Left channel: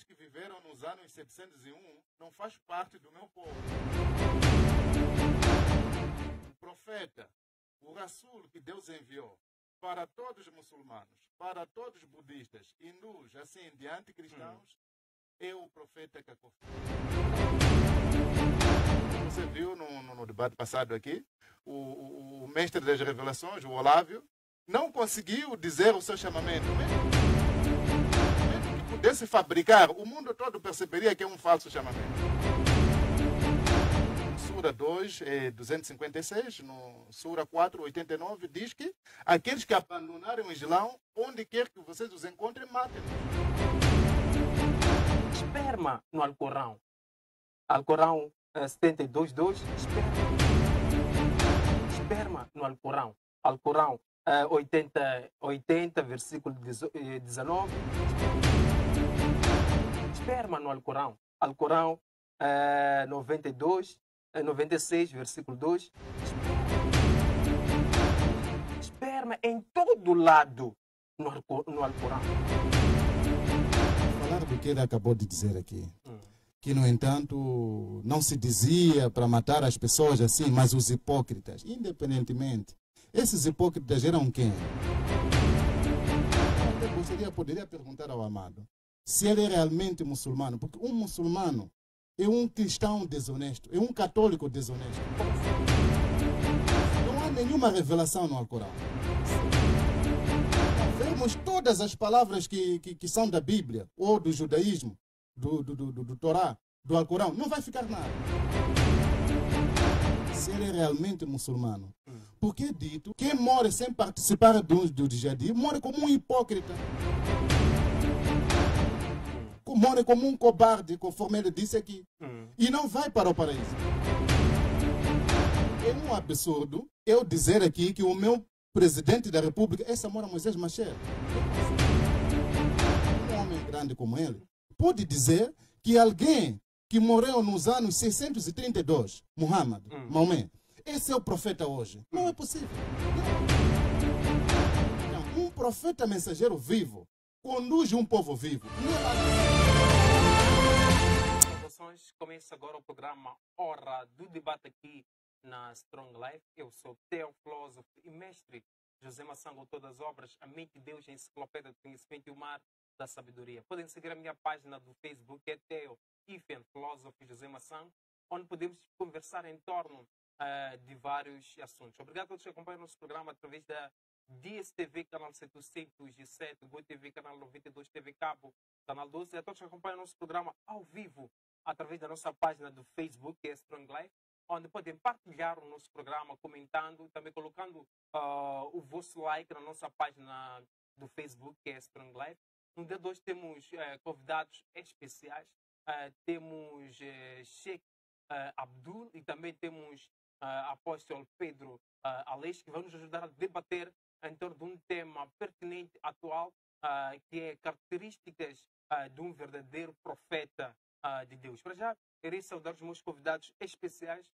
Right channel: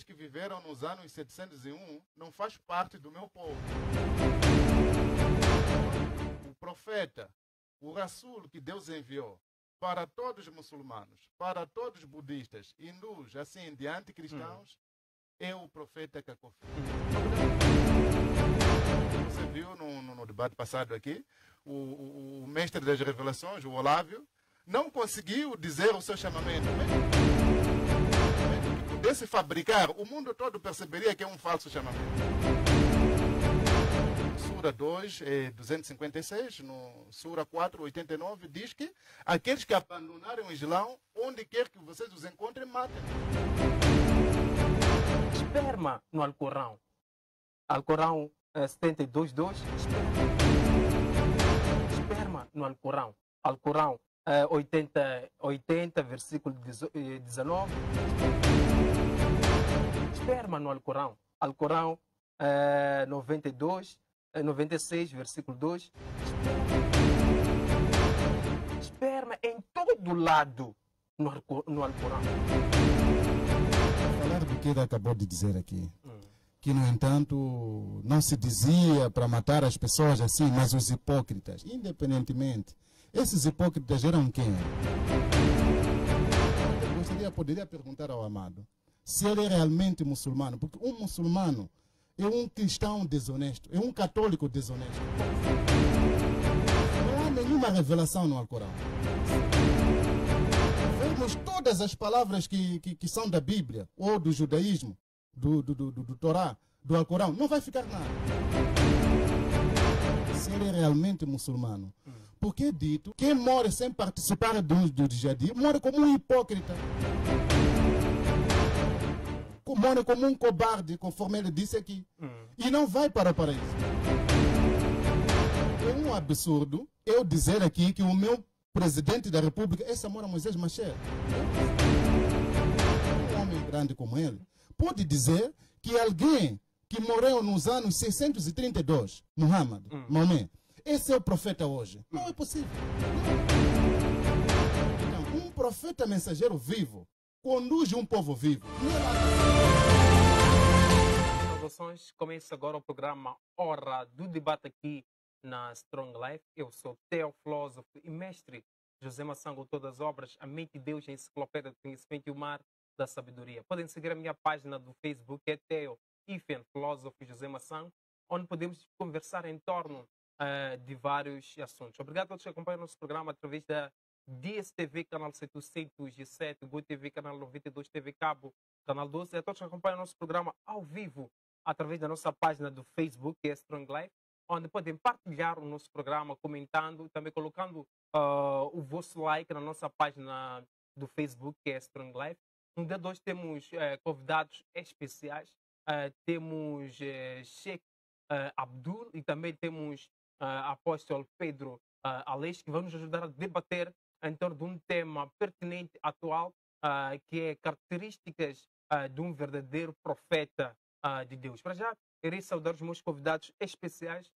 aqueles que viveram nos anos 701 não faz parte do meu povo. O profeta, o Rasul que Deus enviou para todos os muçulmanos, para todos os budistas, hindus, assim em diante, cristãos, é o profeta Kakofi. Você viu no debate passado aqui, o mestre das revelações, o Olávio, não conseguiu dizer o seu chamamento. Mesmo que pudesse fabricar, o mundo todo perceberia que é um falso chamamento. Sura 2, 256, no Sura 4, 89, diz que aqueles que abandonarem o Islão, onde quer que vocês os encontrem, matem-nos. Esperma no Alcorão. Alcorão 72.2. Esperma no Alcorão. Alcorão 80, versículo 19. Esperma no Alcorão. Alcorão 96, versículo 2. Esperma em todo lado no Alcorão. Falar do que ele acabou de dizer aqui. Que, no entanto, não se dizia para matar as pessoas assim, mas os hipócritas, independentemente. Esses hipócritas eram quem? Eu poderia perguntar ao Amado se ele é realmente muçulmano, porque um muçulmano é um cristão desonesto, é um católico desonesto. Não há nenhuma revelação no Alcorão. Vemos todas as palavras que são da Bíblia, ou do judaísmo, do Torá, do Alcorão, não vai ficar nada. Se ele é realmente muçulmano. Porque é dito, quem morre sem participar do jihad, morre como um hipócrita. Morre como um cobarde, conforme ele disse aqui. E não vai para o paraíso. É um absurdo eu dizer aqui que o meu presidente da República é Samora Moisés Machel. Um homem grande como ele pode dizer que alguém que morreu nos anos 632, Muhammad, Maomé, esse é o profeta hoje. Não é possível. Então, um profeta mensageiro vivo conduz um povo vivo. Saudações, começa agora o programa Hora do Debate aqui na Strong Life. Eu sou Theo, filósofo e mestre José Massango, todas as obras, a mente de Deus, a enciclopédia do conhecimento e o mar da sabedoria. Podem seguir a minha página do Facebook, é Theo, filósofo José Massango, onde podemos conversar em torno de vários assuntos. Obrigado a todos que acompanham o nosso programa através da DSTV, canal 707, GoTV, canal 92, TV Cabo, canal 12, e a todos que acompanham o nosso programa ao vivo através da nossa página do Facebook, que é Strong Life, onde podem partilhar o nosso programa, comentando, também colocando o vosso like na nossa página do Facebook, que é Strong Life. No dia 2 temos convidados especiais, temos Sheikh Abdul e também temos apóstolo Pedro Aleixo, que vão nos ajudar a debater em torno de um tema pertinente, atual, que é características de um verdadeiro profeta de Deus. Para já, irei saudar os meus convidados especiais,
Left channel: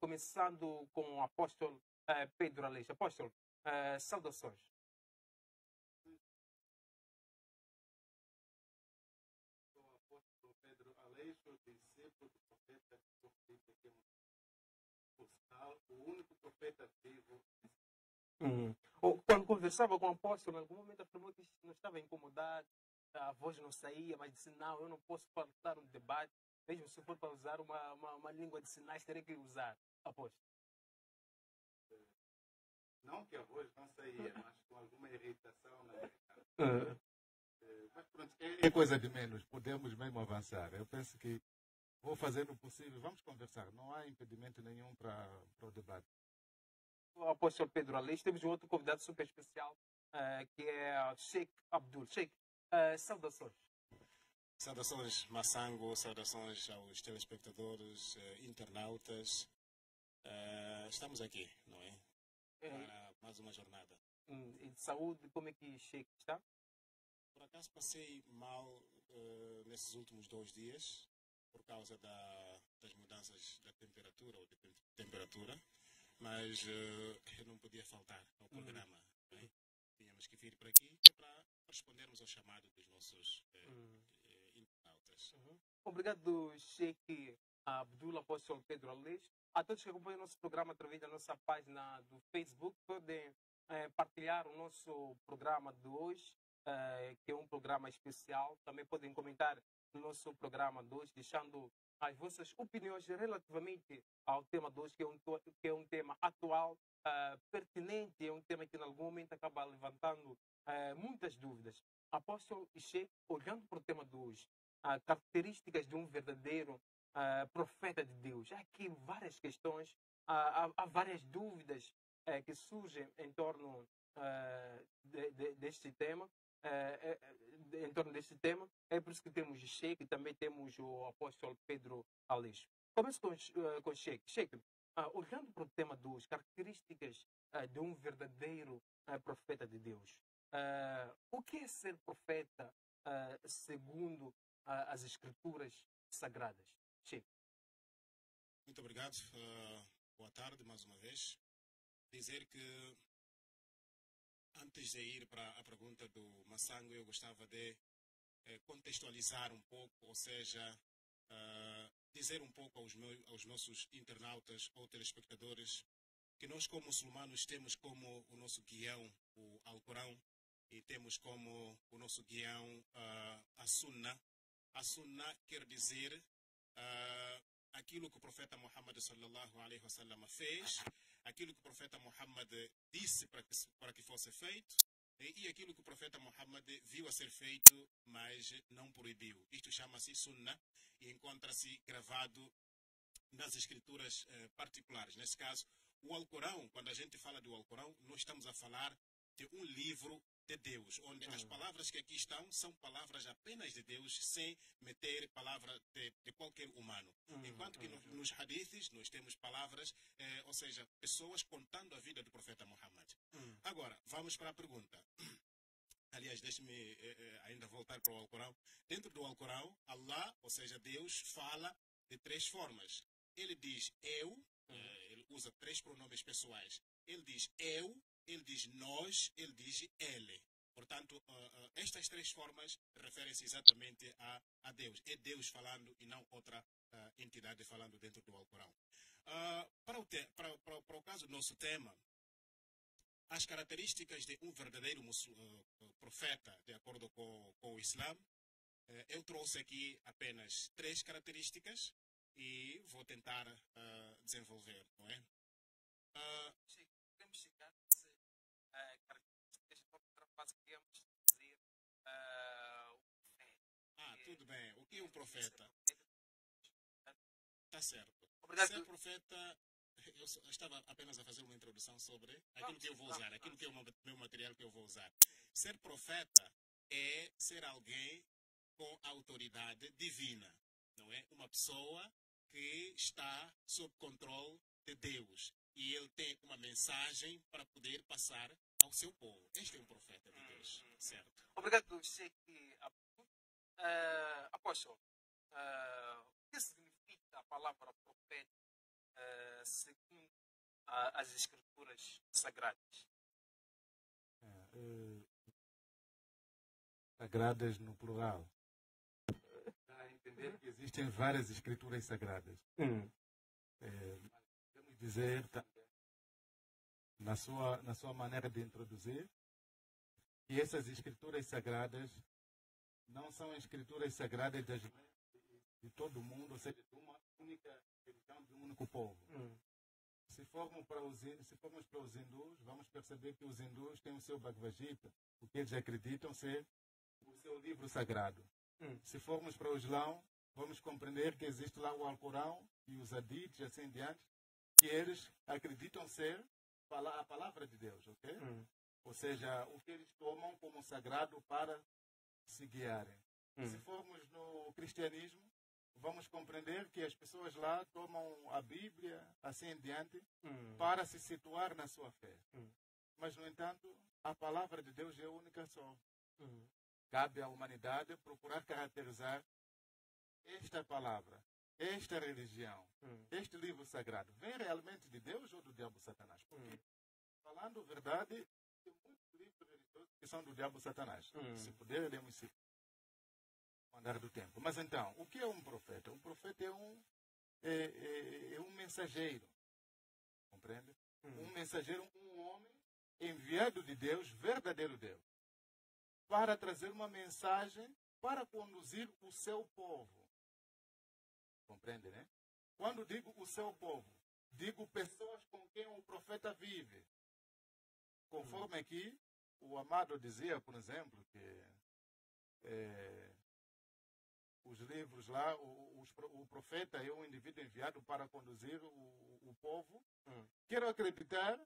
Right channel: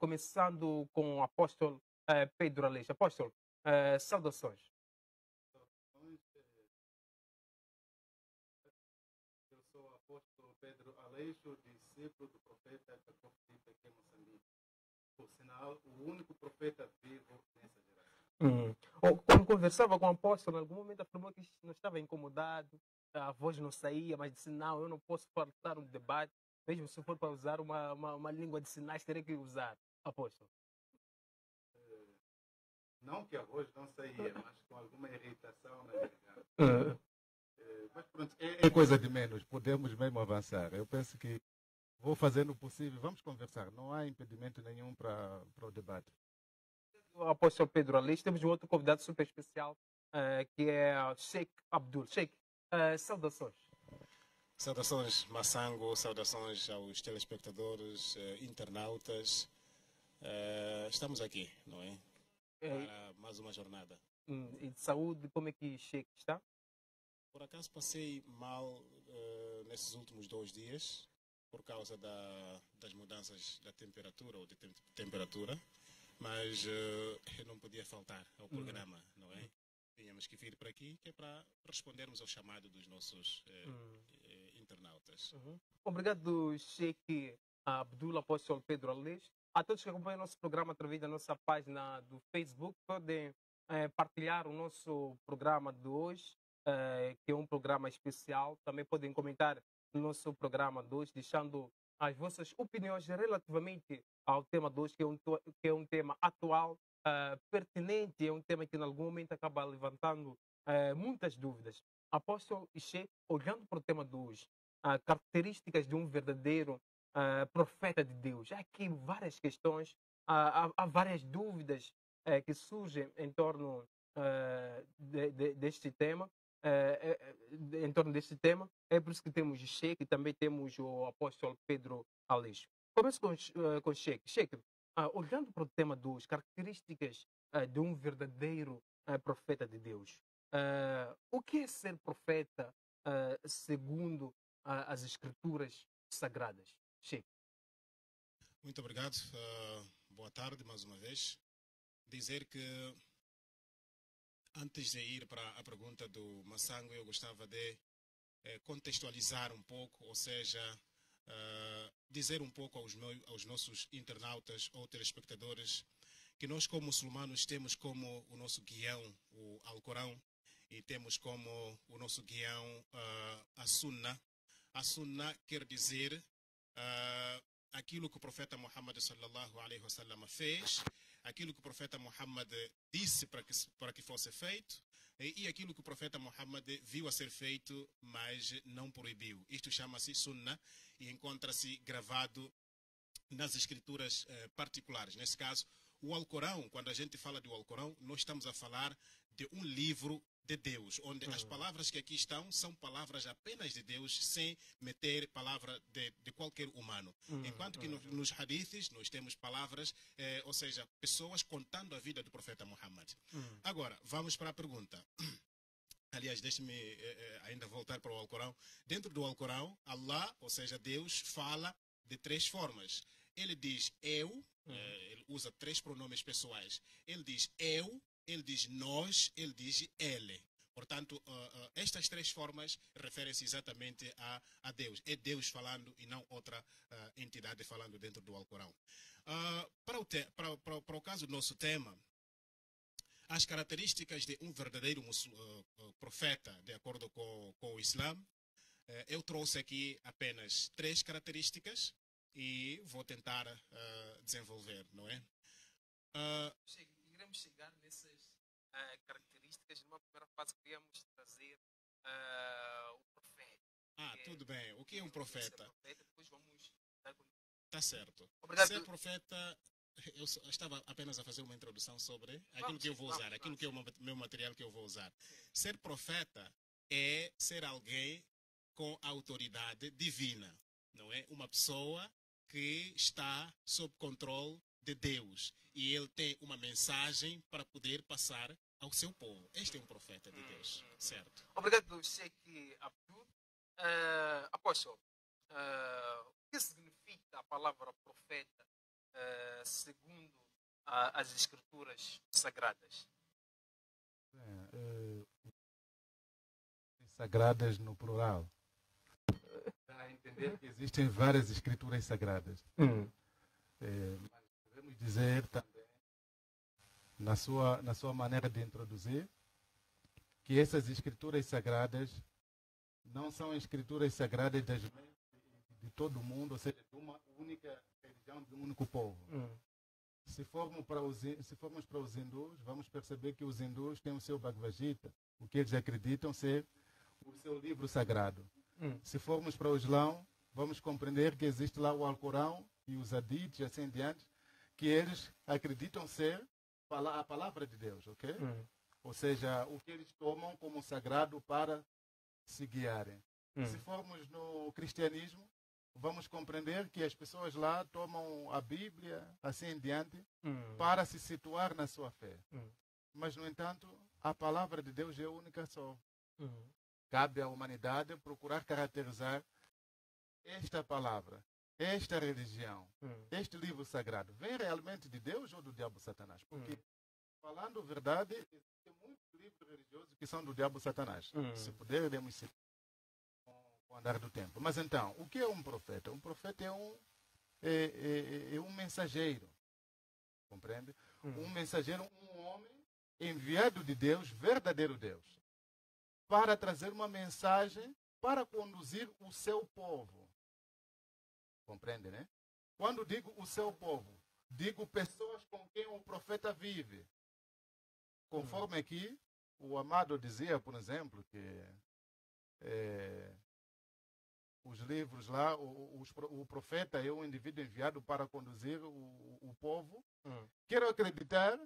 começando com o apóstolo Pedro Aleixo. Apóstolo, saudações. Eu sou o apóstolo Pedro Aleixo, discípulo do profeta Kakofi aqui em Moçambique. Por sinal, o único profeta vivo nessa geração. Quando conversava com o apóstolo, em algum momento afirmou que não estava incomodado, a voz não saía, mas disse, não, eu não posso faltar um debate, mesmo se for para usar uma língua de sinais, terei que usar, apóstolo. Não que a voz não saía, mas com alguma irritação na garganta. Mas pronto, é coisa de menos, podemos mesmo avançar. Eu penso que vou fazer o possível, vamos conversar, não há impedimento nenhum para o debate. O apóstolo Pedro Aleixo, temos um outro convidado super especial, que é Sheikh Abdul. Sheikh, saudações. Saudações, Massango, saudações aos telespectadores, internautas. Estamos aqui, não é? Para mais uma jornada. E de saúde, como é que Sheikh está? Por acaso passei mal nesses últimos 2 dias, por causa das mudanças da temperatura, ou de temperatura, mas eu não podia faltar ao programa, não é? Tínhamos que vir para aqui, que é para respondermos ao chamado dos nossos internautas. internautas. Obrigado, Sheikh Abdul Apóstolo Pedro Alês. A todos que acompanham o nosso programa através da nossa página do Facebook, podem partilhar o nosso programa de hoje, que é um programa especial. Também podem comentar no nosso programa de hoje, deixando as vossas opiniões relativamente ao tema de hoje, que é um tema atual, pertinente, é um tema que em algum momento acaba levantando muitas dúvidas. Apóstolo e Sheikh, olhando para o tema de hoje, características de um verdadeiro profeta de Deus. Há aqui várias questões, há várias dúvidas que surgem em torno deste tema. Em torno deste tema, é por isso que temos o Sheikh e também temos o apóstolo Pedro Aleixo. Começo com o Sheikh. Sheikh, olhando para o tema dos características de um verdadeiro profeta de Deus, o que é ser profeta segundo as escrituras sagradas? Sheikh. Muito obrigado. Boa tarde mais uma vez. Dizer que antes de ir para a pergunta do Massango, eu gostava de contextualizar um pouco, ou seja, dizer um pouco aos nossos internautas ou telespectadores que nós, como muçulmanos, temos como o nosso guião o Alcorão e temos como o nosso guião a Sunna. A Sunna quer dizer aquilo que o profeta Muhammad sallallahu alaihi wasallam fez, aquilo que o profeta Muhammad disse para que fosse feito e aquilo que o profeta Muhammad viu a ser feito, mas não proibiu. Isto chama-se Sunna e encontra-se gravado nas escrituras particulares. Nesse caso, o Alcorão, quando a gente fala do Alcorão, nós estamos a falar de um livro de Deus, onde as palavras que aqui estão são palavras apenas de Deus, sem meter palavra de qualquer humano. Enquanto que nos hadiths nós temos palavras, ou seja, pessoas contando a vida do profeta Muhammad. Agora, vamos para a pergunta. Aliás, deixe-me ainda voltar para o Alcorão. Dentro do Alcorão, Allah, ou seja, Deus, fala de três formas. Ele diz eu, ele usa três pronomes pessoais. Ele diz eu, ele diz nós, ele diz ele. Portanto, estas três formas referem-se exatamente a Deus. É Deus falando e não outra entidade falando dentro do Alcorão. Para o caso do nosso tema, as características de um verdadeiro profeta, de acordo com o Islã, eu trouxe aqui apenas três características e vou tentar desenvolver, não é? Iremos chegar nessas características. Numa primeira fase, queríamos trazer o profeta. Tudo bem. O que é um profeta? Depois vamos dar... Tá certo. Obrigado. Ser profeta, eu estava apenas a fazer uma introdução sobre aquilo que eu vou usar, aquilo que é o meu material que eu vou usar. Ser profeta é ser alguém com autoridade divina, não é? Uma pessoa que está sob controle de Deus e ele tem uma mensagem para poder passar ao seu povo. Este é um profeta de Deus, certo? Obrigado, Sheikh Abdul. Apóstolo, o que significa a palavra profeta segundo as escrituras sagradas? Sagradas no plural. Dá a entender que existem várias escrituras sagradas. Mas podemos dizer também, na sua maneira de introduzir, que essas escrituras sagradas não são escrituras sagradas de todo mundo, ou seja, de uma única religião, de um único povo. Se formos para os hindus, vamos perceber que os hindus têm o seu Bhagavad Gita, o que eles acreditam ser o seu livro sagrado. Se formos para o Islã, vamos compreender que existe lá o Alcorão e os Hadiths e assim em diante, que eles acreditam ser a palavra de Deus, ok? Ou seja, o que eles tomam como sagrado para se guiarem. Se formos no cristianismo, vamos compreender que as pessoas lá tomam a Bíblia, assim em diante, para se situar na sua fé. Mas, no entanto, a palavra de Deus é única só. Cabe à humanidade procurar caracterizar esta palavra, esta religião, este livro sagrado. Vem realmente de Deus ou do diabo Satanás? Porque, falando a verdade, existem muitos livros religiosos que são do diabo Satanás. Se puder, iremos citar o andar do tempo. Mas então, o que é um profeta? Um profeta é um mensageiro, compreende? Um mensageiro, um homem enviado de Deus, verdadeiro Deus, para trazer uma mensagem para conduzir o seu povo. Compreende, né? Quando digo o seu povo, digo pessoas com quem o profeta vive. Conforme aqui, o Amado dizia, por exemplo, que os livros lá, o profeta é um indivíduo enviado para conduzir o povo. Quero acreditar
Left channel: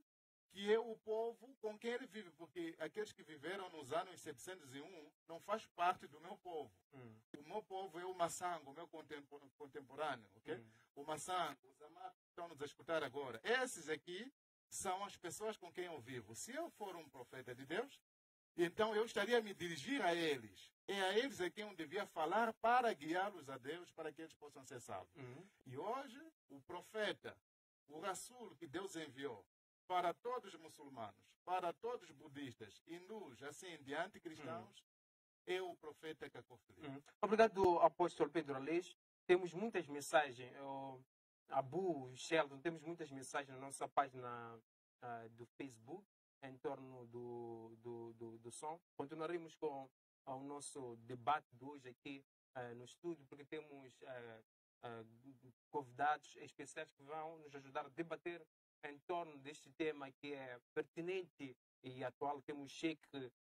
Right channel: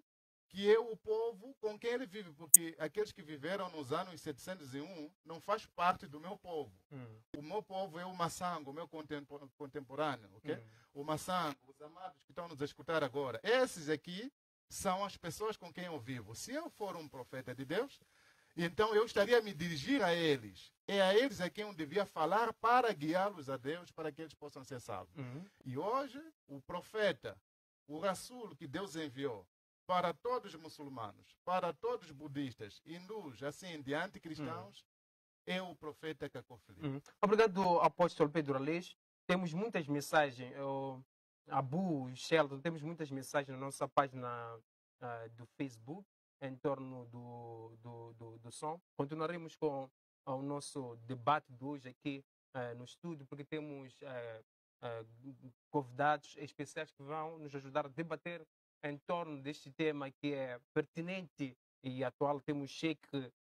que é o povo com quem ele vive, porque aqueles que viveram nos anos 701 não faz parte do meu povo. O meu povo é o Massango, o meu contemporâneo, ok? O Massango, os amados que estão nos escutar agora. Esses aqui são as pessoas com quem eu vivo. Se eu for um profeta de Deus, então eu estaria a me dirigir a eles. É a eles a quem eu devia falar para guiá-los a Deus, para que eles possam ser salvos. E hoje, o profeta, o Rasul que Deus enviou para todos os muçulmanos, para todos os budistas, hindus, assim em diante, cristãos, é o profeta Cacofili. Obrigado, apóstolo Pedro Aleixo. Temos muitas mensagens, Abu, Sheldon, temos muitas mensagens na nossa página do Facebook em torno do som. Continuaremos com o nosso debate de hoje aqui no estúdio, porque temos convidados especiais que vão nos ajudar a debater em torno deste tema que é pertinente e atual. Temos Sheikh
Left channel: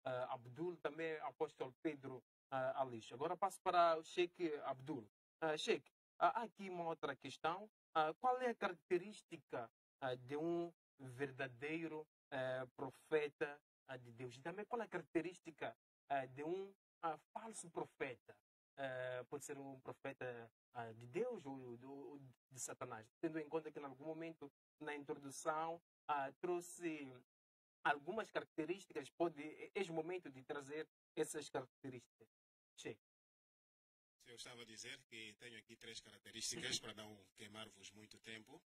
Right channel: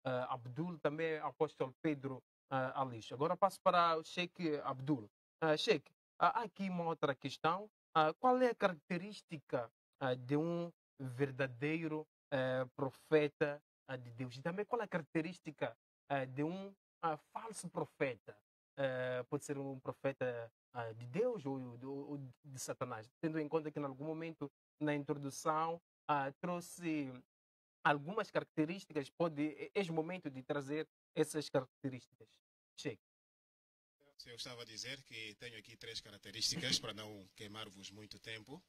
Abdul, também apóstolo Pedro Aleixo. Agora passo para o Sheikh Abdul. Sheikh, há aqui uma outra questão. Qual é a característica de um verdadeiro profeta de Deus? E também qual é a característica de um falso profeta? Pode ser um profeta de Deus ou de Satanás? Tendo em conta que em algum momento na introdução trouxe algumas características, é o momento de trazer essas características. Sheikh. Eu estava a dizer que tenho aqui 3 características para não queimar-vos muito tempo.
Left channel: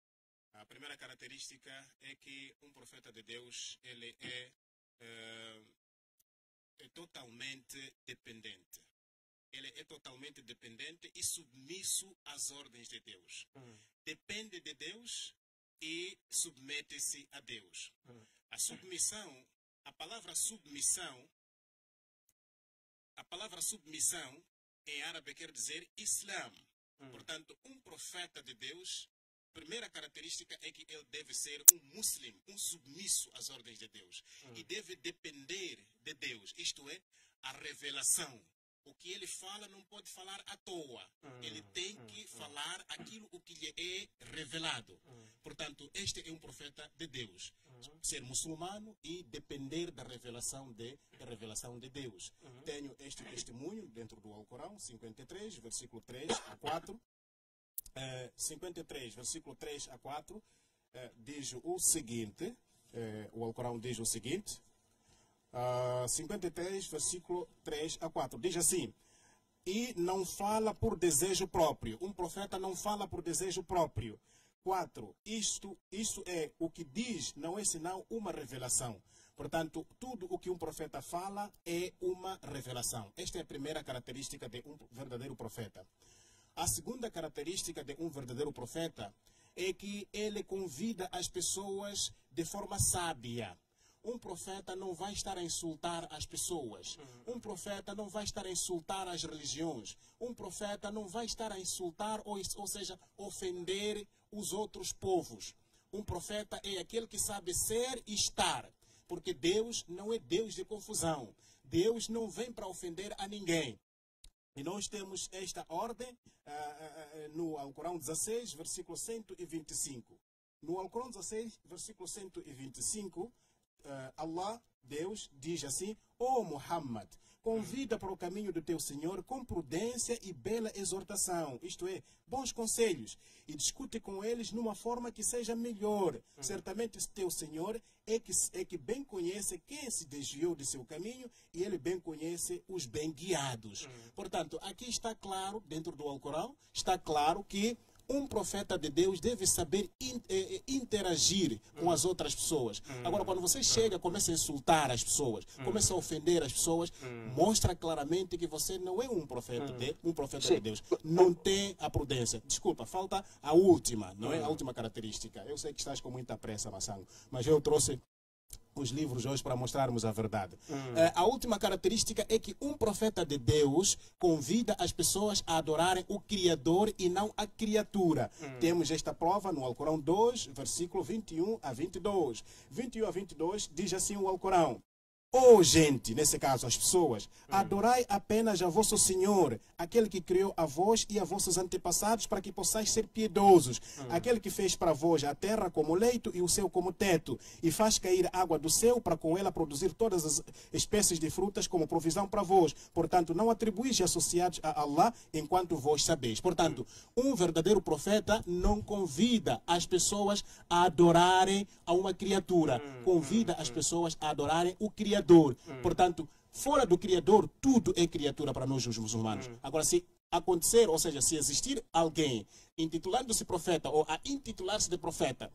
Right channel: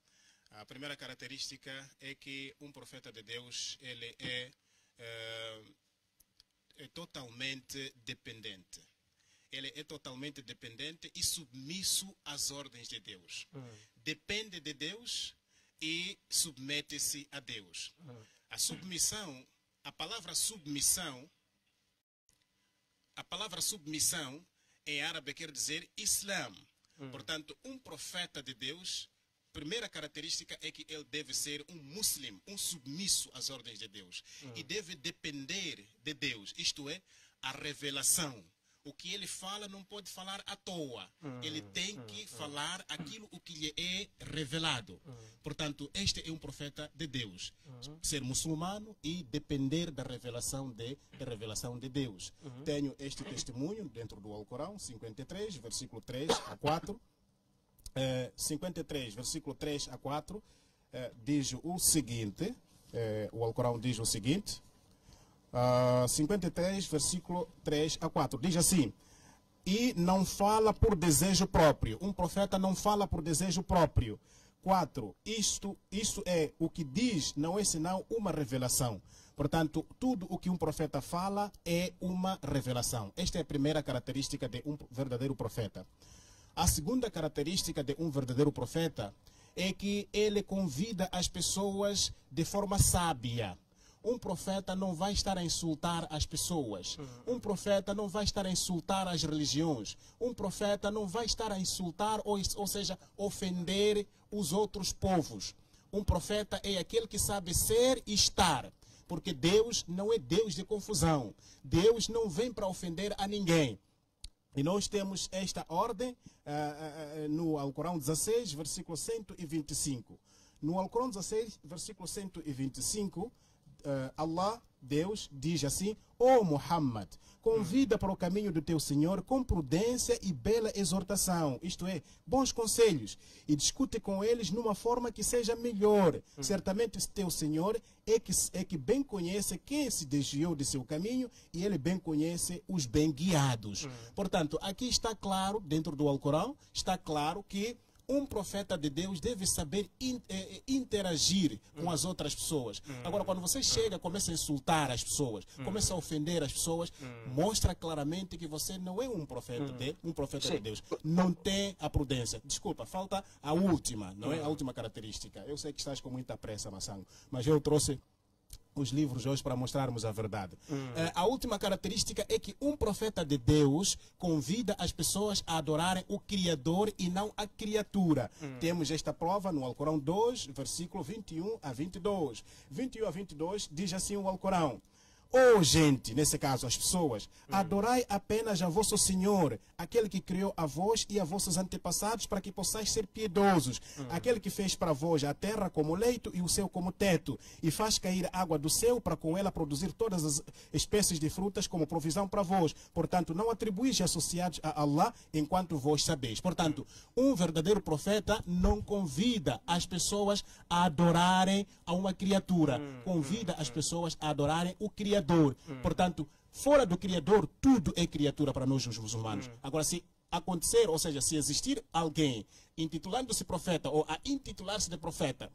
A primeira característica é que um profeta de Deus ele é totalmente dependente. Ele é totalmente dependente e submisso às ordens de Deus. Depende de Deus e submete-se a Deus. A submissão, a palavra submissão em árabe quer dizer Islã. Portanto, um profeta de Deus, primeira característica é que ele deve ser um muslim, um submisso às ordens de Deus. E deve depender de Deus, isto é, a revelação. O que ele fala não pode falar à toa. Ele tem que falar aquilo o que lhe é revelado. Portanto, este é um profeta de Deus. Ser muçulmano e depender da revelação de Deus. Tenho este testemunho dentro do Alcorão, 53, versículo 3 a 4. 53, versículo 3 a 4, diz o seguinte, o Alcorão diz o seguinte, 53, versículo 3 a 4, diz assim: e não fala por desejo próprio. Um profeta não fala por desejo próprio. 4, isto é o que diz, não é senão uma revelação. Portanto, tudo o que um profeta fala é uma revelação. Esta é a primeira característica de um verdadeiro profeta. A segunda característica de um verdadeiro profeta é que ele convida as pessoas de forma sábia. Um profeta não vai estar a insultar as pessoas. Um profeta não vai estar a insultar as religiões. Um profeta não vai estar a insultar, ou seja, ofender os outros povos. Um profeta é aquele que sabe ser e estar. Porque Deus não é Deus de confusão. Deus não vem para ofender a ninguém. E nós temos esta ordem no Alcorão 16, versículo 125. No Alcorão 16, versículo 125, Allah, Deus, diz assim: ó Muhammad, convida para o caminho do teu Senhor com prudência e bela exortação, isto é, bons conselhos, e discute com eles numa forma que seja melhor. Certamente teu Senhor é que bem conhece quem se desviou de seu caminho e ele bem conhece os bem guiados. Portanto, aqui está claro, dentro do Alcorão, está claro que um profeta de Deus deve saber interagir com as outras pessoas. Agora, quando você chega, começa a insultar as pessoas, começa a ofender as pessoas, mostra claramente que você não é um profeta de Deus. Não tem a prudência. Desculpa, falta a última, não é? A última característica. Eu sei que estás com muita pressa, Massango, mas eu trouxe os livros hoje para mostrarmos a verdade. A última característica é que um profeta de Deus convida as pessoas a adorarem o Criador e não a criatura. Temos esta prova no Alcorão 2, versículo 21 a 22. 21 a 22 diz assim o Alcorão: "Ó gente", nesse caso as pessoas, "adorai apenas a vosso Senhor, aquele que criou a vós e a vossos antepassados, para que possais ser piedosos. Aquele que fez para vós a terra como leito e o céu como teto, e faz cair água do céu para com ela produzir todas as espécies de frutas como provisão para vós. Portanto, não atribuís associados a Allah enquanto vós sabeis." Portanto, um verdadeiro profeta não convida as pessoas a adorarem a uma criatura. Convida as pessoas a adorarem o Criador. Portanto, fora do Criador, tudo é criatura para nós, os muçulmanos. Agora, se acontecer, ou seja, se existir alguém intitulando-se profeta ou a intitular-se de profeta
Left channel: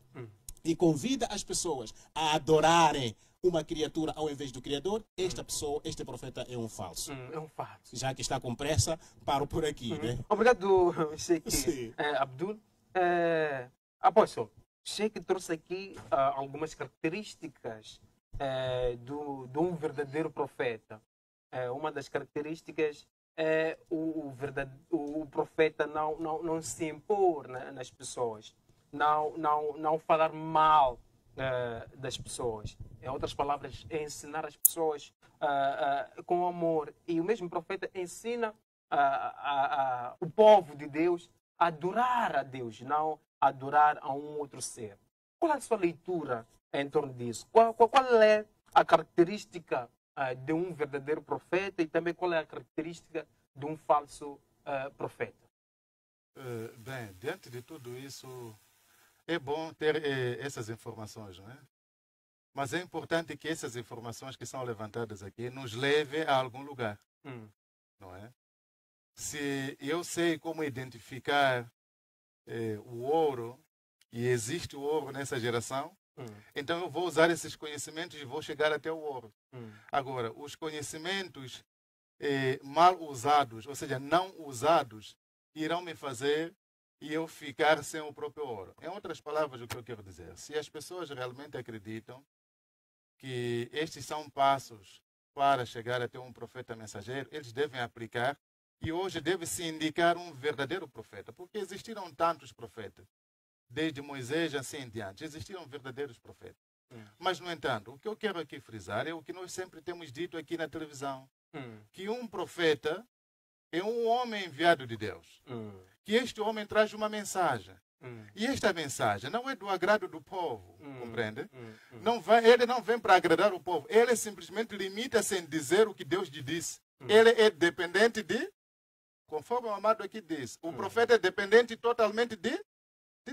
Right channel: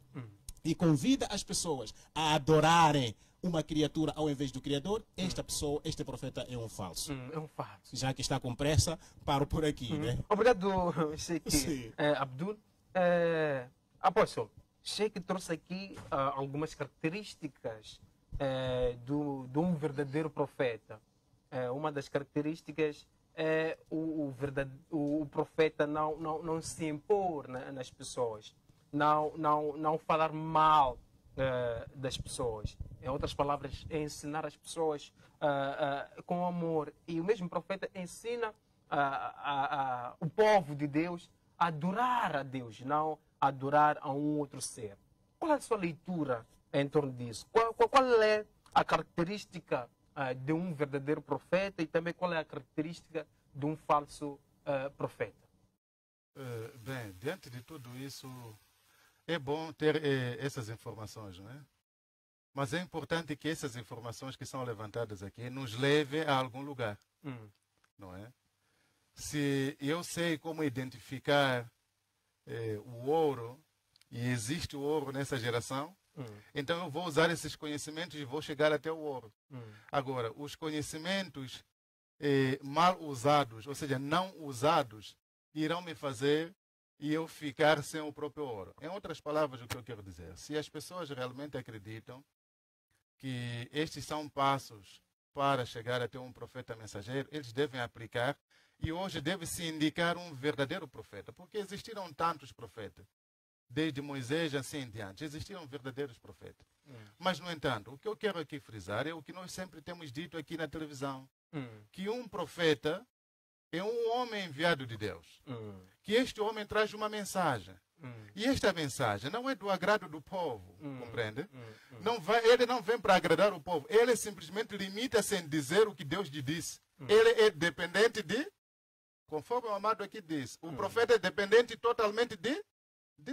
e convida as pessoas a adorarem uma criatura ao invés do Criador, esta pessoa, este profeta é um falso. É um falso. Já que está com pressa, paro por aqui, né? Obrigado, Sheikh Abdul. Apóstolo, Sheikh trouxe aqui algumas características de um verdadeiro profeta. Uma das características é o profeta não se impor nas pessoas, não falar mal das pessoas. Em outras palavras, é ensinar as pessoas com amor. E o mesmo profeta ensina o povo de Deus a adorar a Deus, não a adorar a um outro ser. Qual é a sua leitura em torno disso? Qual é a característica de um verdadeiro profeta e também qual é a característica de um falso profeta? Bem, diante de tudo isso, é bom ter essas informações, não é? Mas é importante que essas informações que são levantadas aqui nos levem a algum lugar, não é? Se eu sei como identificar o ouro, e existe o ouro nessa geração, então eu vou usar esses conhecimentos e vou chegar até o ouro. Agora, os conhecimentos mal usados, ou seja, não usados, irão me fazer e eu ficar sem o próprio ouro. Em outras palavras, o que eu quero dizer, se as pessoas realmente acreditam que estes são passos para chegar até um profeta mensageiro, eles devem aplicar e hoje deve-se indicar um verdadeiro profeta, porque existiram tantos profetas. Desde Moisés assim em diante, existiram verdadeiros profetas. Mas, no entanto, o que eu quero aqui frisar é o que nós sempre temos dito aqui na televisão, que um profeta é um homem enviado de Deus, que este homem traz uma mensagem. E esta mensagem não é do agrado do povo, compreende? Ele não vem para agradar o povo, ele simplesmente limita-se em dizer o que Deus lhe disse. Ele é dependente de, conforme o amado aqui diz, o profeta é dependente totalmente de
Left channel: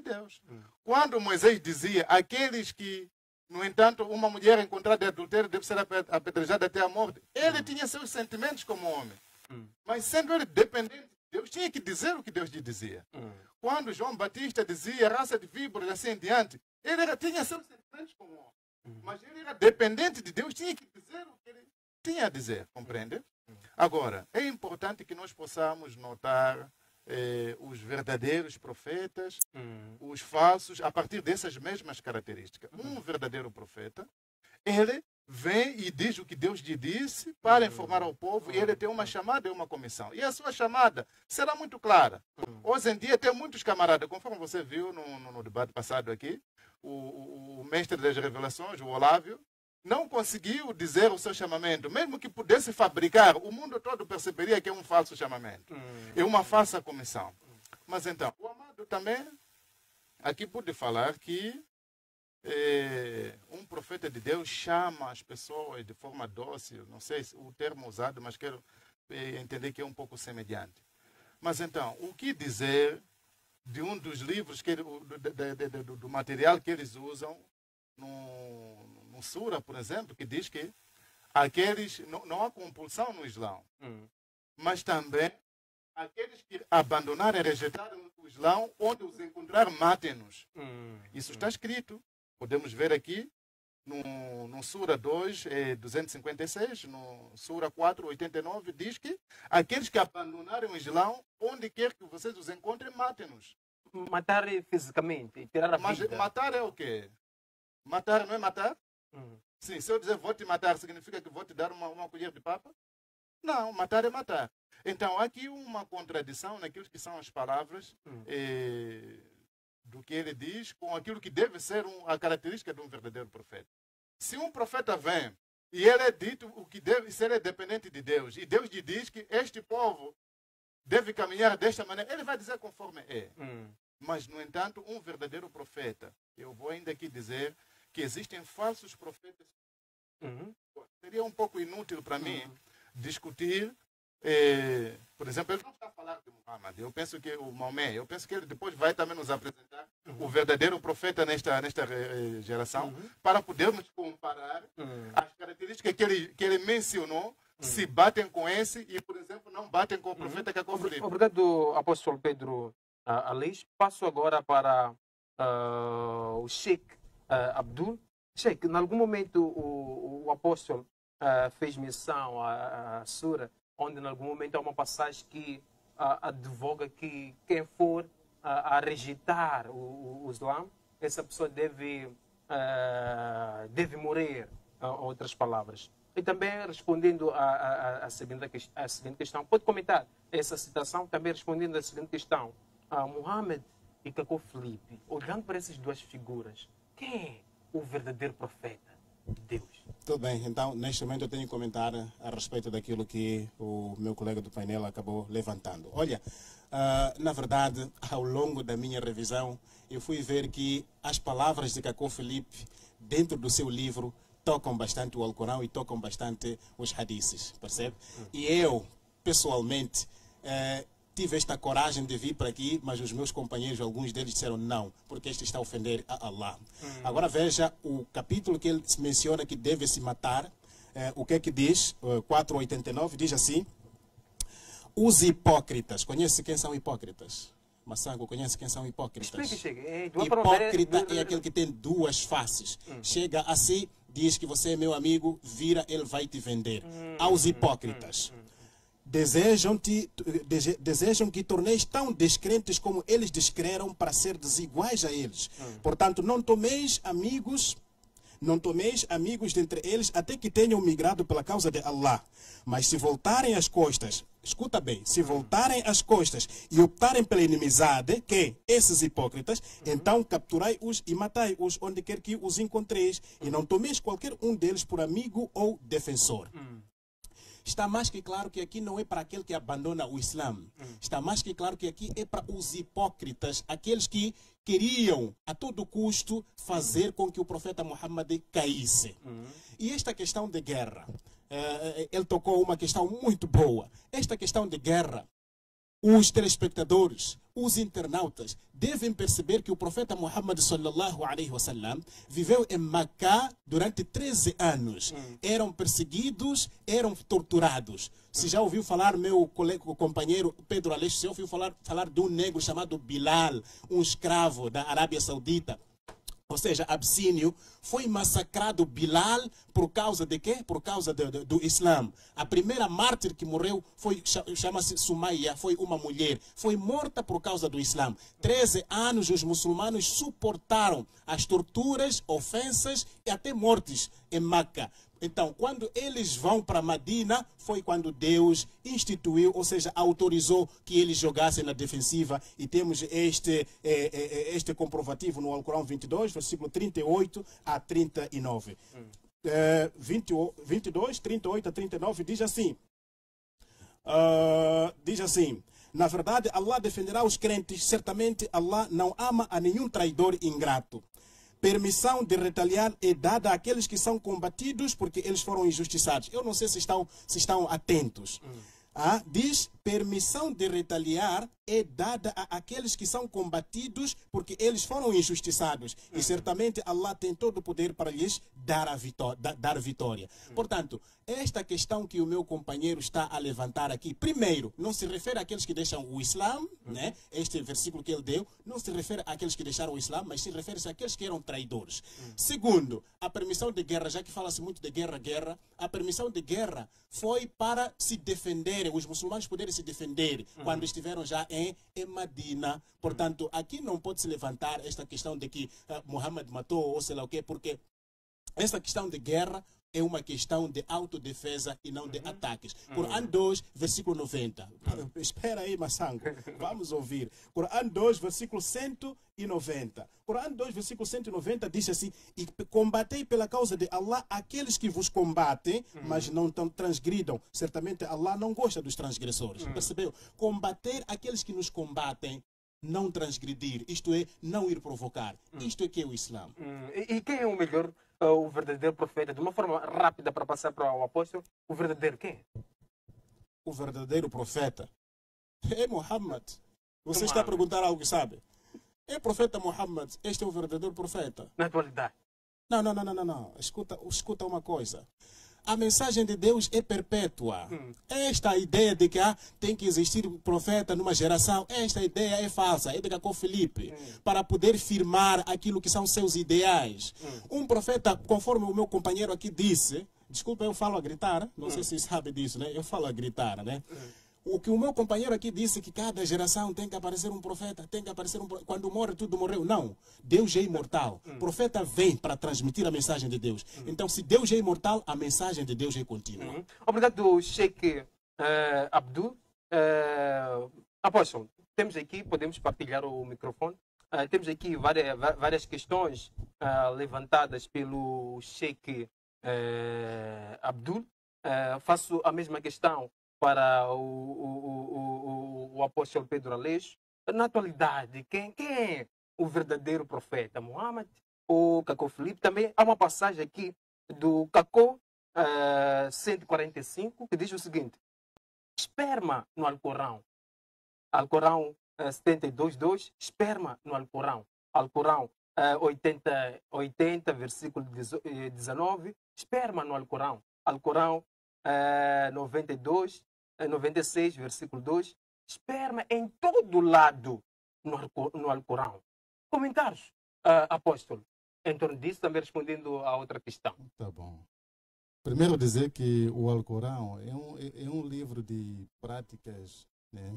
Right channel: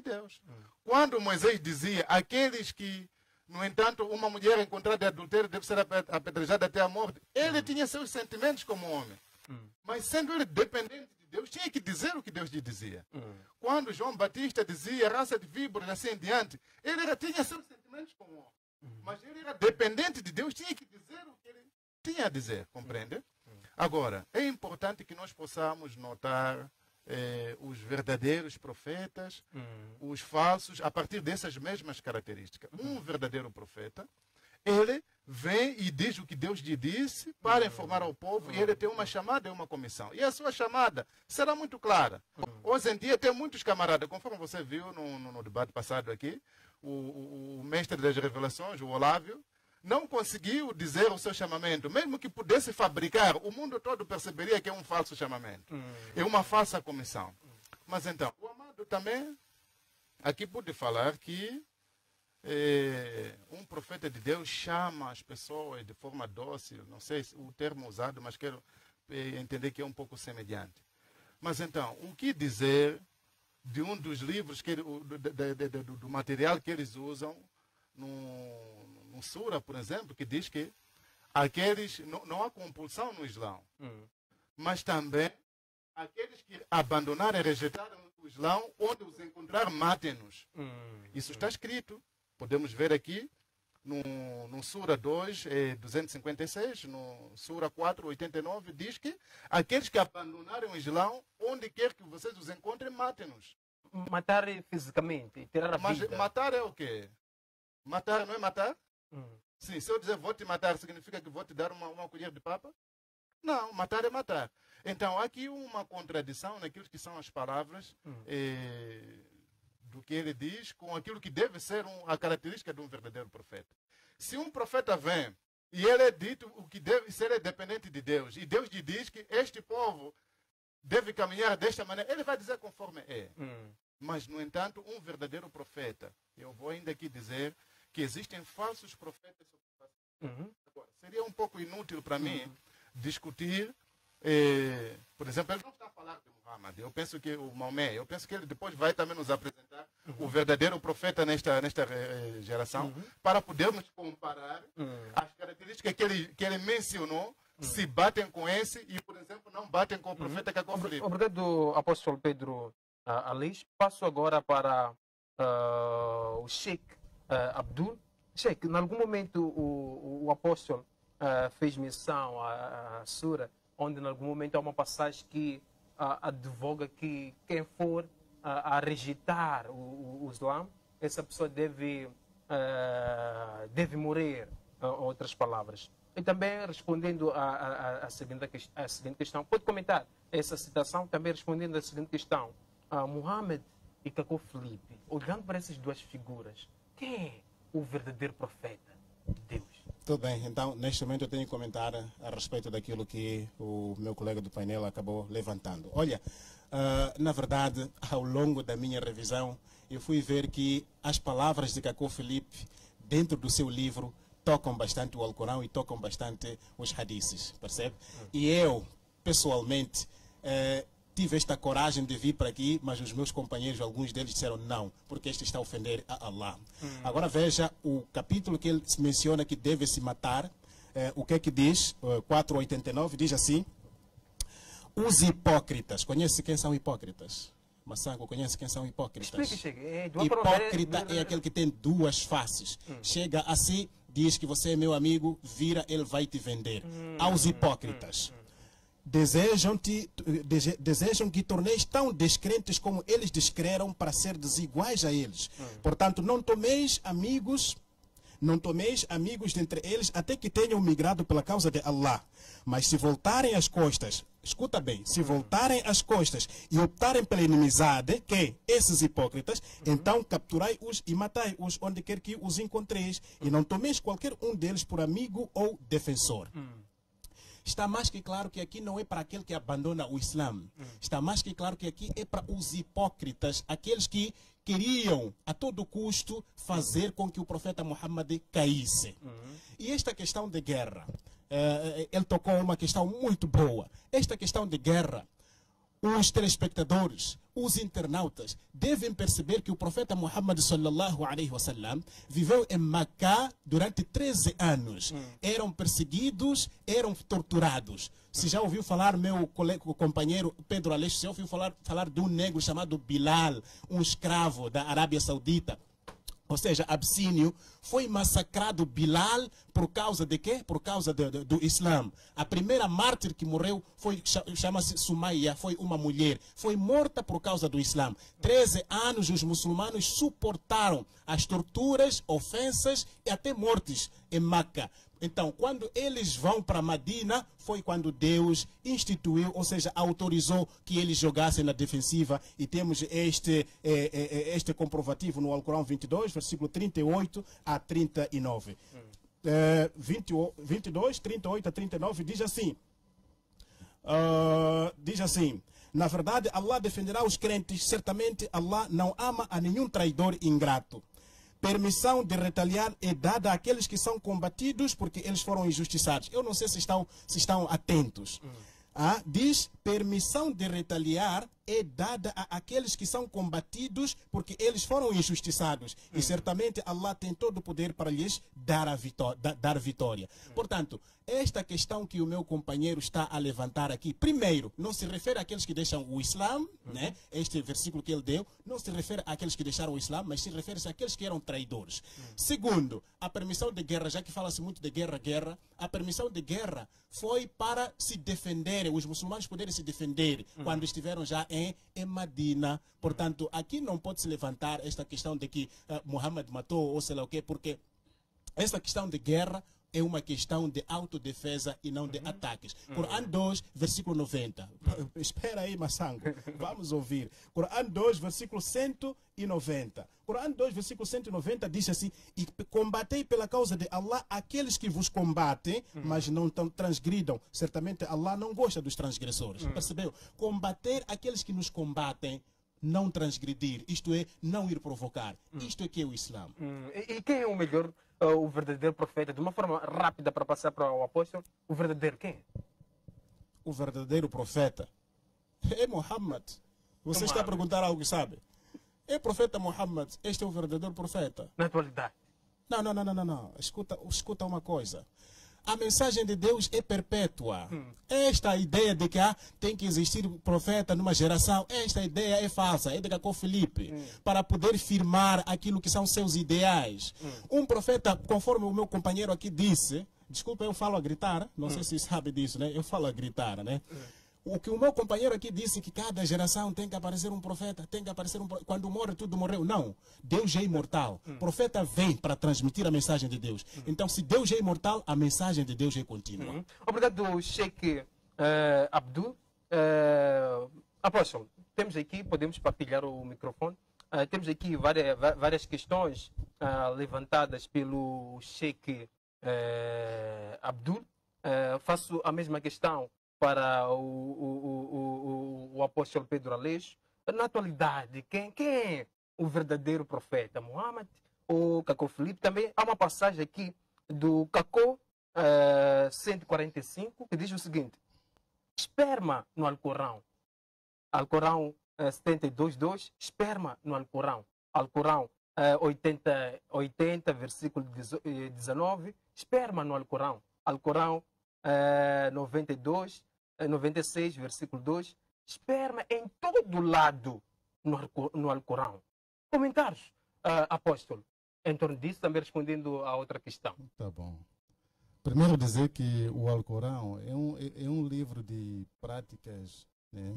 Deus. Quando Moisés dizia, aqueles que, no entanto, uma mulher encontrada em adultério deve ser apedrejada até a morte, ele tinha seus sentimentos como homem. Mas sendo ele dependente de Deus, tinha que dizer o que Deus lhe dizia. Quando João Batista dizia raça de víboras e assim em diante, ele tinha seus sentimentos como homem. Mas ele era dependente de Deus, tinha que dizer o que ele tinha a dizer, compreende? Agora, é importante que nós possamos notar os verdadeiros profetas, os falsos, a partir dessas mesmas características. Um verdadeiro profeta, ele vem e diz o que Deus lhe disse para informar ao povo, e ele tem uma chamada e uma comissão. E a sua chamada será muito clara. Hoje em dia tem muitos camaradas, conforme você viu no debate passado aqui, o mestre das revelações, o Olávio, não conseguiu dizer o seu chamamento. Mesmo que pudesse fabricar, o mundo todo perceberia que é um falso chamamento. É uma falsa comissão. Mas então, o amado também aqui pode falar que um profeta de Deus chama as pessoas de forma dócil. Não sei o termo usado, mas quero entender que é um pouco semelhante. Mas então, o que dizer de um dos livros, do material que eles usam no Sura, por exemplo, que diz que aqueles não há compulsão no Islão, mas também aqueles que abandonarem, rejeitaram o Islão, onde os encontrar, matem-nos. Isso está escrito. Podemos ver aqui no Sura 2, 256, no Sura 4, 89, diz que aqueles que abandonarem o Islão, onde quer que vocês os encontrem, matem-nos. Matar fisicamente, tirar a vida. Mas matar é o quê? Matar não é matar? Sim, se eu dizer vou te matar, significa que vou te dar uma colher de papa? Não, matar é matar. Então, há aqui uma contradição naquilo que são as palavras do que ele diz com aquilo que deve ser a característica de um verdadeiro profeta. Se um profeta vem e ele é dito o que deve ser, é dependente de Deus, e Deus lhe diz que este povo deve caminhar desta maneira, ele vai dizer conforme é. Mas, no entanto, um verdadeiro profeta, eu vou ainda aqui dizer que existem falsos profetas. Seria um pouco inútil para mim discutir, por exemplo, ele não está a falar de Muhammad. Eu penso que o Maomé, eu penso que ele depois vai também nos apresentar o verdadeiro profeta nesta geração, para podermos comparar as características que ele mencionou, se batem com esse e, por exemplo, não batem com o profeta Cacó Filipe. Obrigado, apóstolo Pedro Aleix. Passo agora para o Sheikh Abdul. Sheikh, em algum momento o apóstolo fez menção à Sura, onde em algum momento há uma passagem que advoga que quem for a rejeitar o Islã, essa pessoa deve morrer, em outras palavras. E também respondendo à seguinte questão, pode comentar essa citação, também respondendo à seguinte questão. Muhammad e Cacó Filipe, olhando para essas duas figuras, quem é o verdadeiro profeta de Deus? Tudo bem, então neste momento eu tenho que comentar a respeito daquilo que o meu colega do painel acabou levantando. Olha, na verdade, ao longo da minha revisão, eu fui ver que as palavras de Cacó Filipe, dentro do seu livro, tocam bastante o Alcorão e tocam bastante os hadiths, percebe? E eu, pessoalmente, tive esta coragem de vir para aqui, mas os meus companheiros, alguns deles disseram não, porque este está a ofender a Allah. Agora veja o capítulo que ele menciona que deve se matar, o que é que diz? 4:89 diz assim: os hipócritas, conhece quem são hipócritas? Massango, conhece quem são hipócritas? Explique. Hipócrita é aquele que tem duas faces. Chega assim, diz que você é meu amigo, vira, ele vai te vender. Aos hipócritas. Desejam que torneis tão descrentes como eles descreram para ser desiguais a eles. Portanto, não tomeis amigos dentre eles até que tenham migrado pela causa de Allah. Mas se voltarem as costas, escuta bem, se voltarem as costas e optarem pela inimizade, que esses hipócritas, então capturai-os e matai-os onde quer que os encontreis, e não tomeis qualquer um deles por amigo ou defensor. Está mais que claro que aqui não é para aquele que abandona o Islã. Está mais que claro que aqui é para os hipócritas, aqueles que queriam a todo custo fazer com que o profeta Muhammad caísse. E esta questão de guerra, ele tocou uma questão muito boa. Esta questão de guerra, os telespectadores, os internautas devem perceber que o profeta Muhammad sallallahu alaihi wasallam viveu em Macá durante 13 anos. Eram perseguidos, eram torturados. Se já ouviu falar, meu colega, companheiro Pedro Aleixo, se já ouviu falar de um negro chamado Bilal, um escravo da Arábia Saudita, ou seja, Absínio, foi massacrado Bilal por causa de quê? Por causa do Islã. A primeira mártir que morreu chama-se Sumaia, foi uma mulher. Foi morta por causa do Islã. 13 anos os muçulmanos suportaram as torturas, ofensas e até mortes em Meca. Então, quando eles vão para Medina, foi quando Deus instituiu, ou seja, autorizou que eles jogassem na defensiva. E temos este comprovativo no Alcorão 22, versículo 38 a 39. 22, 38 a 39 diz assim. Na verdade, Allah defenderá os crentes. Certamente, Allah não ama a nenhum traidor ingrato. Permissão de retaliar é dada àqueles que são combatidos porque eles foram injustiçados. Eu não sei se estão atentos. Diz, permissão de retaliar é dada àqueles que são combatidos porque eles foram injustiçados. E certamente Allah tem todo o poder para lhes dar a vitória. Portanto, esta questão que o meu companheiro está a levantar aqui, primeiro, não se refere àqueles que deixam o Islã, né? Este versículo que ele deu, não se refere àqueles que deixaram o Islã, mas se refere àqueles que eram traidores. Segundo, a permissão de guerra, já que fala-se muito de guerra, a permissão de guerra foi para se defenderem, os muçulmanos poderem se defender quando estiveram já em Medina. Portanto, aqui não pode se levantar esta questão de que Muhammad matou ou sei lá o quê, porque esta questão de guerra é uma questão de autodefesa e não de ataques. Corão 2, versículo 90. Espera aí, Massango. Vamos ouvir. Corão 2, versículo 190. Corão 2, versículo 190 diz assim: e combatei pela causa de Allah aqueles que vos combatem, mas não transgridam. Certamente Allah não gosta dos transgressores. Percebeu? Combater aqueles que nos combatem, não transgredir. Isto é, não ir provocar. Isto é que é o Islã. E quem é o melhor, o verdadeiro profeta? De uma forma rápida para passar para o apóstolo, o verdadeiro quem é? O verdadeiro profeta é Muhammad. Você está a perguntar algo que sabe? É o profeta Muhammad. Este é o verdadeiro profeta. Na atualidade. Não. Escuta uma coisa. A mensagem de Deus é perpétua. Esta ideia de que tem que existir profeta numa geração, esta ideia é falsa, é de Cacó Felipe, para poder firmar aquilo que são seus ideais. Um profeta, conforme o meu companheiro aqui disse, desculpa, eu falo a gritar, não sei se sabe disso, né? Eu falo a gritar, né? O que o meu companheiro aqui disse, que cada geração tem que aparecer um profeta, tem que aparecer quando morre, tudo morreu. Não, Deus é imortal. O profeta vem para transmitir a mensagem de Deus. Então, se Deus é imortal, a mensagem de Deus é contínua. Obrigado, Sheikh Abdul. Apóstolo, temos aqui, podemos partilhar o microfone. Temos aqui várias questões levantadas pelo Sheikh Abdul. Faço a mesma questão para o apóstolo Pedro Aleixo. Na atualidade, quem é o verdadeiro profeta? Muhammad ou Cacó Felipe? Também há uma passagem aqui do Cacó 145 que diz o seguinte: esperma no Alcorão. Alcorão 72:2, esperma no Alcorão. Alcorão 80, versículo 19, esperma no Alcorão. Alcorão 96, versículo 2, esperma em todo lado no Alcorão. Comentários, apóstolo, em torno disso, também respondendo a outra questão. Tá bom. Primeiro dizer que o Alcorão é um livro de práticas, né,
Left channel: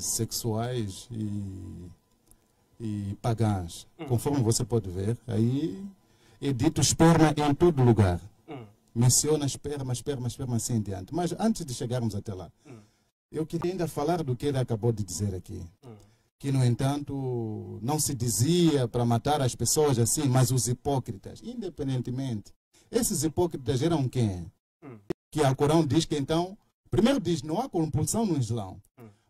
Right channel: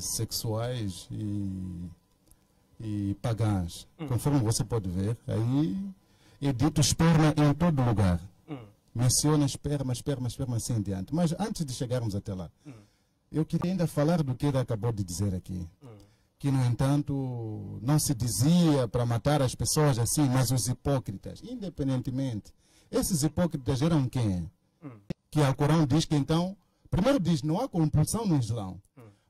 sexuais e pagãs. Conforme você pode ver, aí é dito esperma em todo lugar. Menciona esperma assim em diante. Mas antes de chegarmos até lá, eu queria ainda falar do que ele acabou de dizer aqui. Que, no entanto, não se dizia para matar as pessoas assim, mas os hipócritas, independentemente. Esses hipócritas eram quem? Que o Alcorão diz que, então, primeiro diz, não há compulsão no Islã.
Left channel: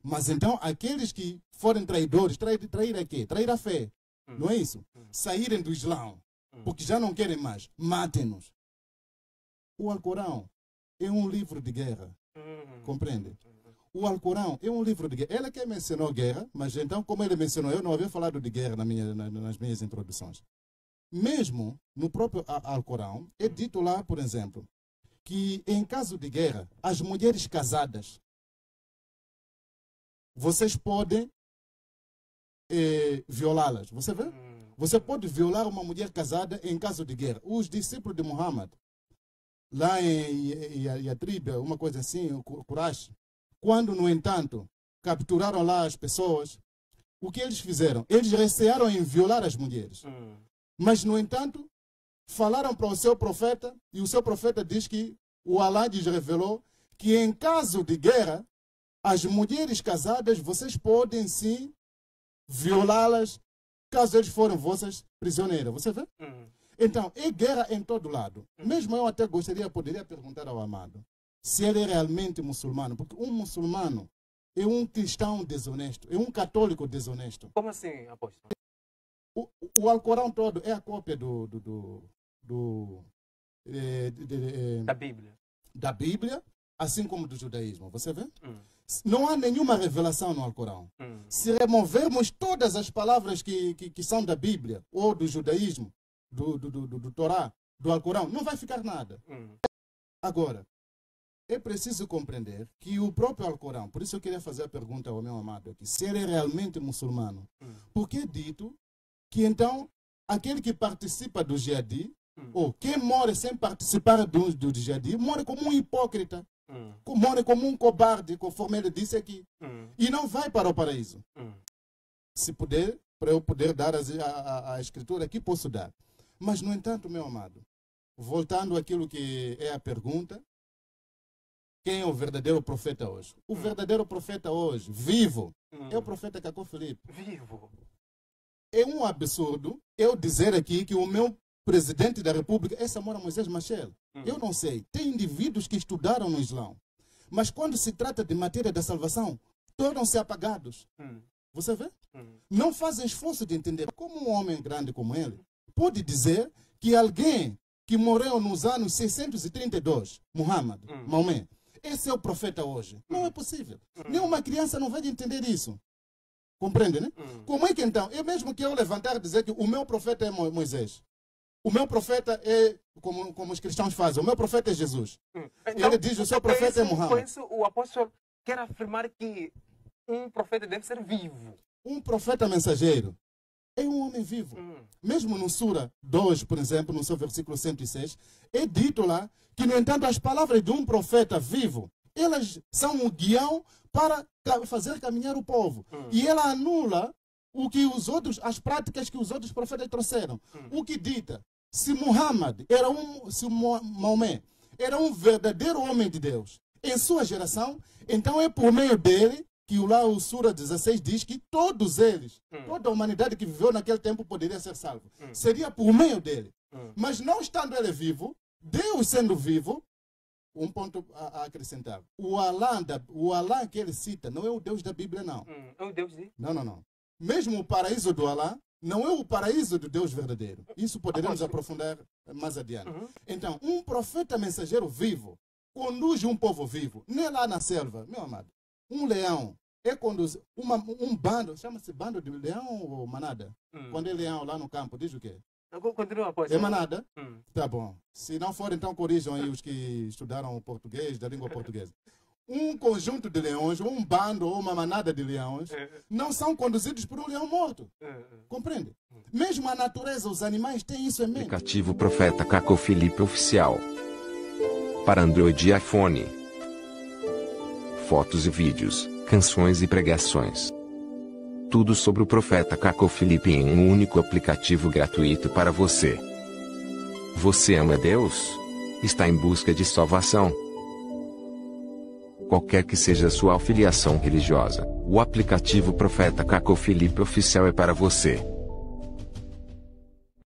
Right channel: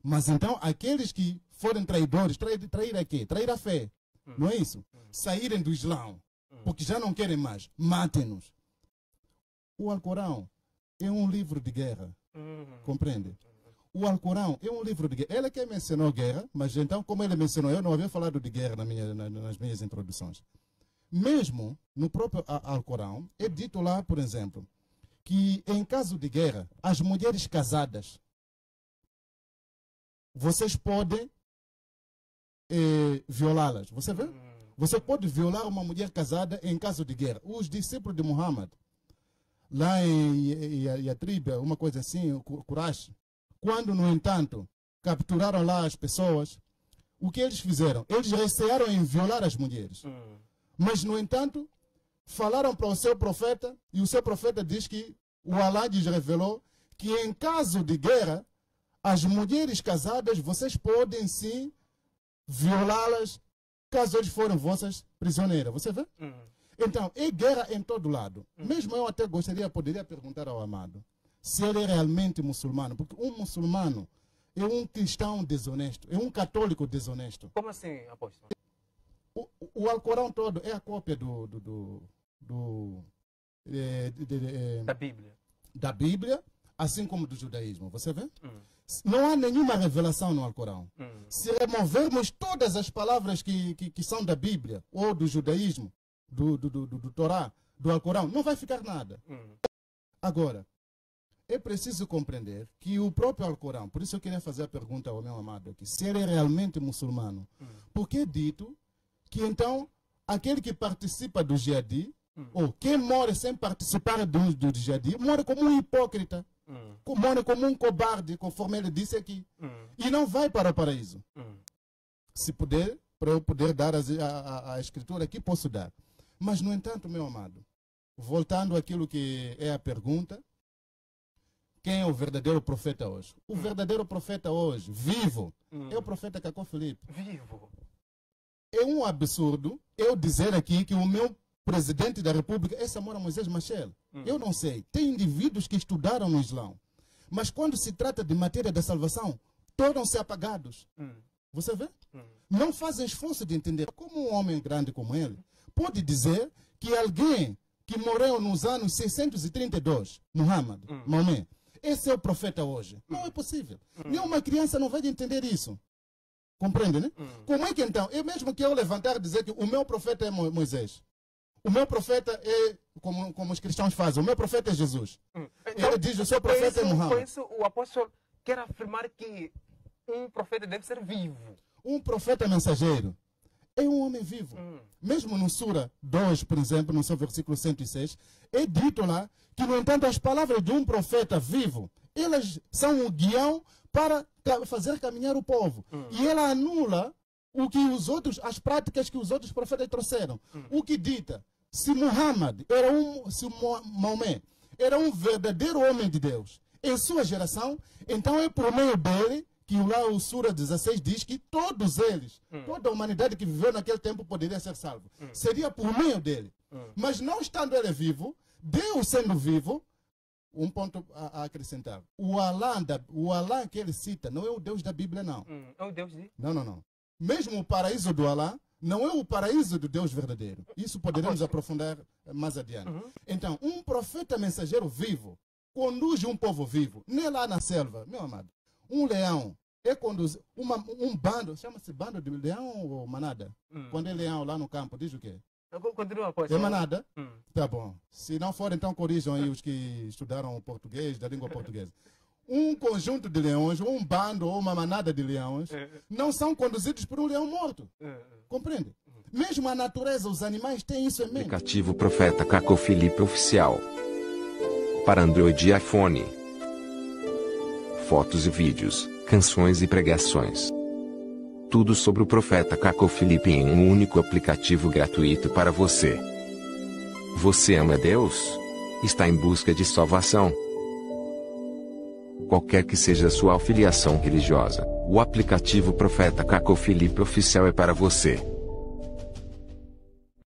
Mas, então, aqueles que forem traidores, trair a quê? Trair a fé. Não é isso? Saírem do Islã, porque já não querem mais, matem-nos. O Alcorão é um livro de guerra. Compreende? O Alcorão é um livro de guerra. Ele que mencionou guerra, mas então, como ele mencionou, eu não havia falado de guerra nas minhas introduções. Mesmo no próprio Alcorão, é dito lá, por exemplo, que em caso de guerra, as mulheres casadas, vocês podem violá-las. Você vê? Você pode violar uma mulher casada em caso de guerra. Os discípulos de Muhammad, lá em Yatrib, uma coisa assim, o Quraysh, quando, no entanto, capturaram lá as pessoas, o que eles fizeram? Eles recearam em violar as mulheres. Mas, no entanto, falaram para o seu profeta, e o seu profeta diz que o Allah lhes revelou que em caso de guerra, as mulheres casadas, vocês podem sim violá-las caso eles forem vossas prisioneiras. Você vê? Então, é guerra em todo lado. Mesmo eu até poderia perguntar ao amado se ele é realmente muçulmano, porque um muçulmano é um cristão desonesto, é um católico desonesto. Como assim, apóstolo? O Alcorão todo é a cópia da Bíblia. Da Bíblia, assim como do judaísmo. Você vê? Não há nenhuma revelação no Alcorão. Se removermos todas as palavras que são da Bíblia ou do judaísmo, do Torá, do Alcorão, não vai ficar nada. Agora, é preciso compreender que o próprio Alcorão, por isso eu queria fazer a pergunta ao meu amado aqui, se ele é realmente muçulmano, porque é dito que então aquele que participa do jihadi, ou quem morre sem participar do jihadi, morre como um hipócrita, morre como um cobarde, conforme ele disse aqui, e não vai para o paraíso. Se puder, para eu poder dar a escritura aqui, posso dar. Mas, no entanto, meu amado, voltando àquilo que é a pergunta, quem é o verdadeiro profeta hoje? O verdadeiro profeta hoje, vivo, é o profeta Cacó Filipe. Vivo. É um absurdo eu dizer aqui que o meu presidente da República é Samora Moisés Machel. Eu não sei. Tem indivíduos que estudaram no Islão. Mas quando se trata de matéria da salvação, tornam-se apagados. Você vê? Não fazem esforço de entender como um homem grande como ele pode dizer que alguém que morreu nos anos 632, Muhammad, Maomé, esse é o profeta hoje. Não é possível. Nenhuma criança não vai entender isso. Compreende, né? Como é que então, é mesmo que eu levantar e dizer que o meu profeta é Moisés, o meu profeta é, como os cristãos fazem, o meu profeta é Jesus. Então, ele diz, o seu profeta é Muhammad. Por isso o apóstolo quer afirmar que um profeta deve ser vivo. Um profeta mensageiro é um homem vivo. Mesmo no Sura 2, por exemplo, no seu versículo 106, é dito lá que, no entanto, as palavras de um profeta vivo, elas são um guião para fazer caminhar o povo. E ela anula as práticas que os outros profetas trouxeram. O que dita, se Maomé era um verdadeiro homem de Deus em sua geração, então é por meio dele que lá o Sura 16 diz que todos eles, toda a humanidade que viveu naquele tempo poderia ser salvo. Seria por meio dele. Mas não estando ele vivo, Deus sendo vivo, um ponto a acrescentar. O Alá que ele cita não é o Deus da Bíblia, não. É o Deus de... Não. Mesmo o paraíso do Alá não é o paraíso do Deus verdadeiro. Isso poderemos aprofundar mais adiante. Então, um profeta mensageiro vivo conduz um povo vivo. Nem lá na selva, meu amado. Um leão é conduzir um bando, chama-se bando de leão ou manada? Quando é leão lá no campo, diz o quê? Continua, apóstolo. É manada? Tá bom. Se não for, então corrijam aí os que estudaram o português, da língua portuguesa. Um conjunto de leões, ou um bando, ou uma manada de leões, não são conduzidos por um leão morto. Compreende? Mesmo a natureza, os animais têm isso em mente. Aplicativo Profeta Cacó Filipe Oficial. Para Android e iPhone. Fotos e vídeos, canções e pregações. Tudo sobre o Profeta Cacó Filipe em um único aplicativo gratuito para você. Você ama Deus? Está em busca de salvação? Qualquer que seja a sua afiliação religiosa, o aplicativo Profeta Cacó Filipe Oficial é para você.